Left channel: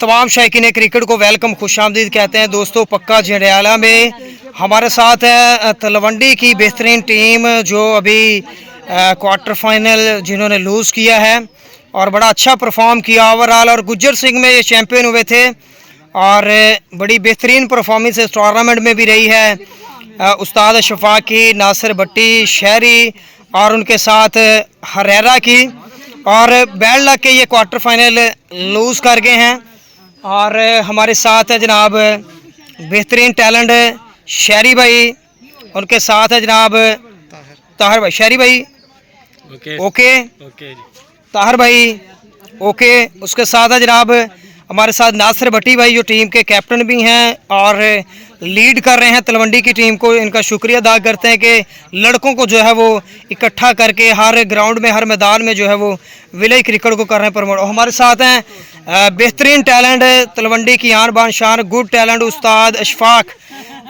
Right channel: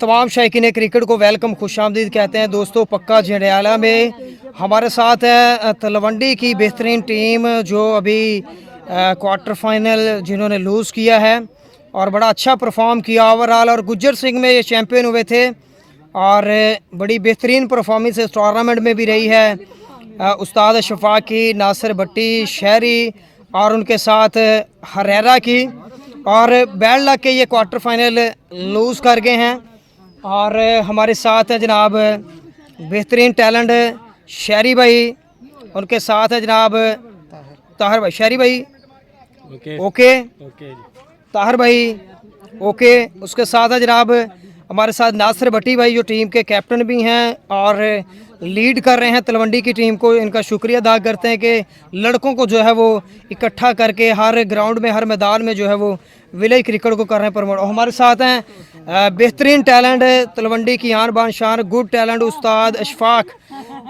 तमाम शायकीन क्रिकेट को वेलकम खुशामदीद कहते हैं दोस्तों। पक्का जंडियाला में हमारे साथ है तलवंडी की बेहतरीन टीम जो अभी क्वार्टर फाइनल जिन्होंने लूज़ किया है और बड़ा अच्छा परफॉर्म किया ओवरऑल, और गुज्जर सिंह में ये चैम्पियन हुए थे और बड़ी बेहतरीन परफॉर्मेंस इस टूर्नामेंट में भी रही है। उस्ताद शफाकी, नासिर भट्टी, शहरी और उनके साथ हरेरा की, और बैड लक के ये क्वार्टर फाइनल लूज़ कर गए हैं। और हमारे साथ है जनाब बेहतरीन टैलेंट शहरी भाई, उनके साथ है जनाब ताहिर भाई। शहरी भाई ओके ताहिर भाई ओके। उसके साथ है जनाब हमारे साथ नासिर भट्टी भाई जो टीम के कैप्टन भी हैं और लीड कर रहे हैं तलवंडी की टीम को। इनका शुक्रिया अदा करते हैं कि लड़कों को जो है वो इकट्ठा करके हर ग्राउंड में, हर मैदान में जो है वो विलेज क्रिकेट को कर रहे हैं प्रमोट। और हमारे साथ हैं बेहतरीन टैलेंट तलवंडी की आन बान शान, गुड टैलेंट उस्ताद अशफाक,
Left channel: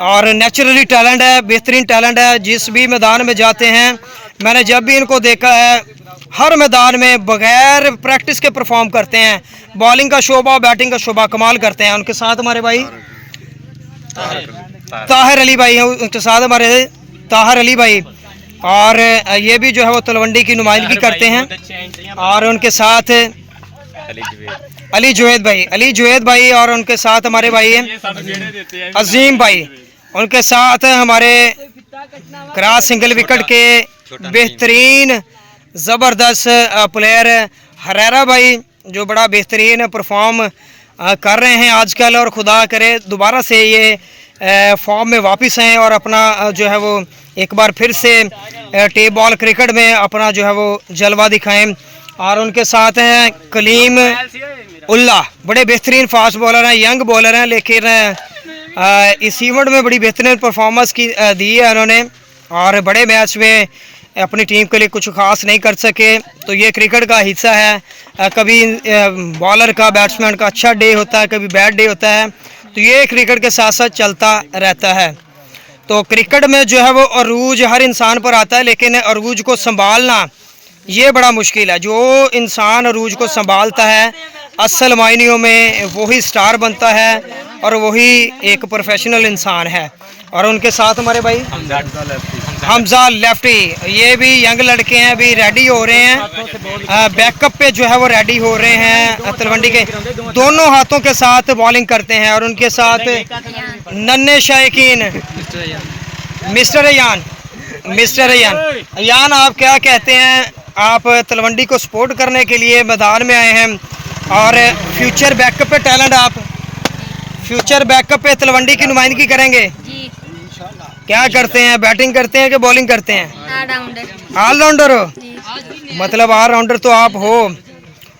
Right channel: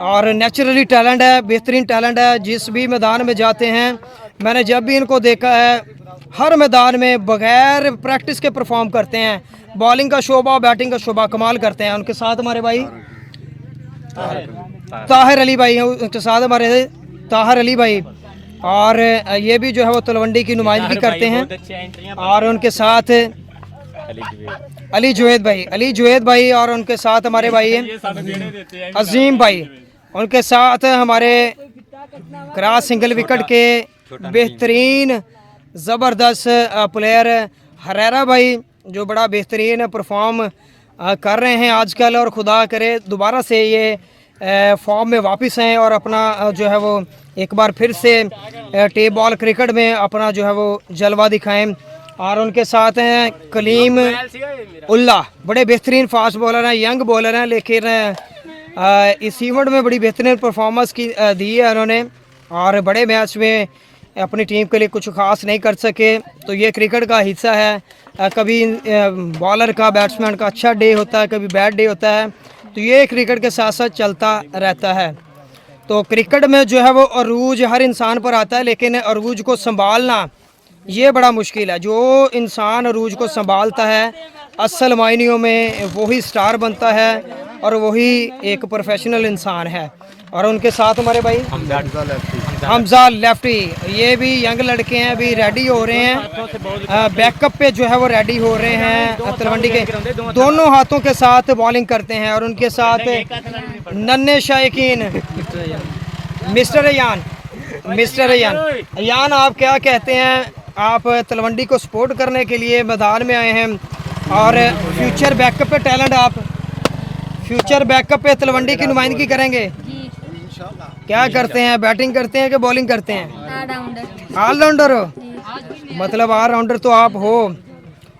और नेचुरली टैलेंट है, बेहतरीन टैलेंट है। जिस भी मैदान में जाते हैं, मैंने जब भी इनको देखा है हर मैदान में बगैर प्रैक्टिस के परफॉर्म करते हैं। बॉलिंग का शोबा, बैटिंग का शोबा कमाल करते हैं। उनके साथ हमारे भाई ताहिर अली भाई हैं, उनके साथ हमारे ताहिर अली भाई, और ये भी जो है वो तलवंडी की नुमाइंदगी करते हैं। और उनके साथ अली जुवेद भाई, और उनके साथ हमारे भाई हैं अजीम भाई, उनके साथ हमारे क्रॉस सिंगल विकेट के बेहतरीन ज़बरदस्त प्लेयर हरेरा भाई जो बड़ा बेहतरीन परफॉर्म कर रहे हैं आजकल, और खुदा करे दोबारा से ये फॉर्म में वापस हैं और अपना जो है वो एक बार फिर से टेप बॉल क्रिकेट में अपना जो है वो जलवा दिखाएं। और उनके साथ हैं कलीम उल्ला, बड़े बेहतरीन फास्ट बॉलर हैं, यंग बॉलर हैं, लेकिन इस इवेंट में बड़ी बेहतरीन परफॉर्मेंस की दी है उन्होंने, और बड़े मैच में अपनी टीम के लिए कुछ खास नहीं कर सके। तो ये क्रिकेट का हिस्सा है, कभी बॉलर का, बैट्समैन का अच्छा डे होता है, कभी बैड डे होता है, तो ये क्रिकेट के साथ साथ चलता रहता है। तो क्रिकेट में जो है वो अरूज हर इंसान पर आता है, लेकिन अरूज को संभालना ये बड़ा मुश्किल है। जो इंसान अरूज को संभालता है असल मायनों में वही स्टार बनता है और वही एक प्रोफेशनल इंसान है। और उनके साथ हमारे भाई हमजा लेफ्टी, ये भी यंग लड़के हैं, अभी रेडी हो रहे हैं, बैकअप पे जो है वो रेडी हो रहे हैं। तलवंडी के दोनों हाथों के साथ बॉलिंग करते हैं। और उनके साथ नन्हे शायकीन मिस्टर अयान, आप क्या कहते हैं? आप तलवंडी को सपोर्ट करने के लिए मैदान में आए हैं और फ्यूचर बैकअप पे टैलेंट, आप फ्यूचर बैकअप पे तलवंडी की नुमाइंदगी करेंगे जी। क्या करते हैं, बैटिंग करते हैं कि बॉलिंग करते हैं? ऑलराउंडर हो, मतलब ऑलराउंडर तो आप हो।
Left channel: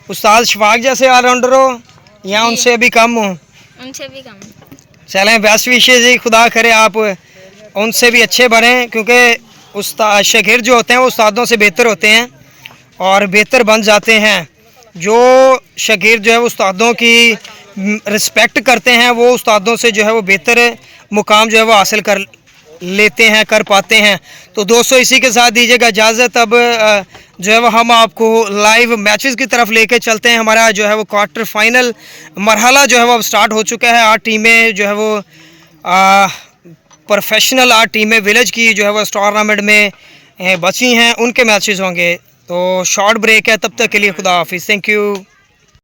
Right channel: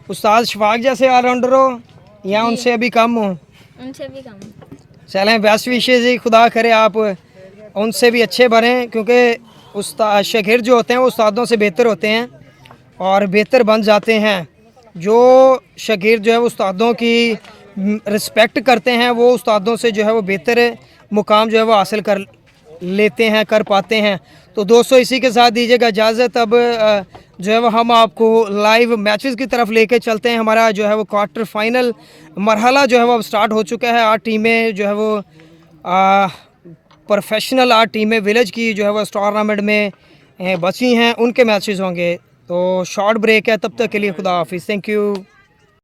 उस्ताद शफाक जैसे ऑलराउंडर हो या उनसे अभी कम हो? उनसे भी कम। चलें, बेस्ट विशेष जी, खुदा करे आप उनसे भी अच्छे बने, क्योंकि उस्ताद शागिर्द जो होते हैं वो उस्तादों से बेहतर होते हैं और बेहतर बन जाते हैं। जो शागिर्द जो है उस्तादों की रिस्पेक्ट करते हैं वो उस्तादों से जो है वो बेहतर मुकाम जो है वो हासिल कर लेते हैं, कर पाते हैं। तो दोस्तों इसी के साथ दीजिएगा इजाज़त। अब जो है वो हम आपको लाइव मैचेस की तरफ लेके चलते हैं। हमारा जो है वो क्वार्टर फाइनल मरहला जो है वो अब स्टार्ट हो चुका है। 8 टीमें जो है वो प्रोफेशनल 8 टीमें विलेज की जो है वो इस टूर्नामेंट में बची हैं, उनके मैचेस होंगे। तो शॉर्ट ब्रेक है, तब तक के लिए खुदा हाफिज़, थैंक यू।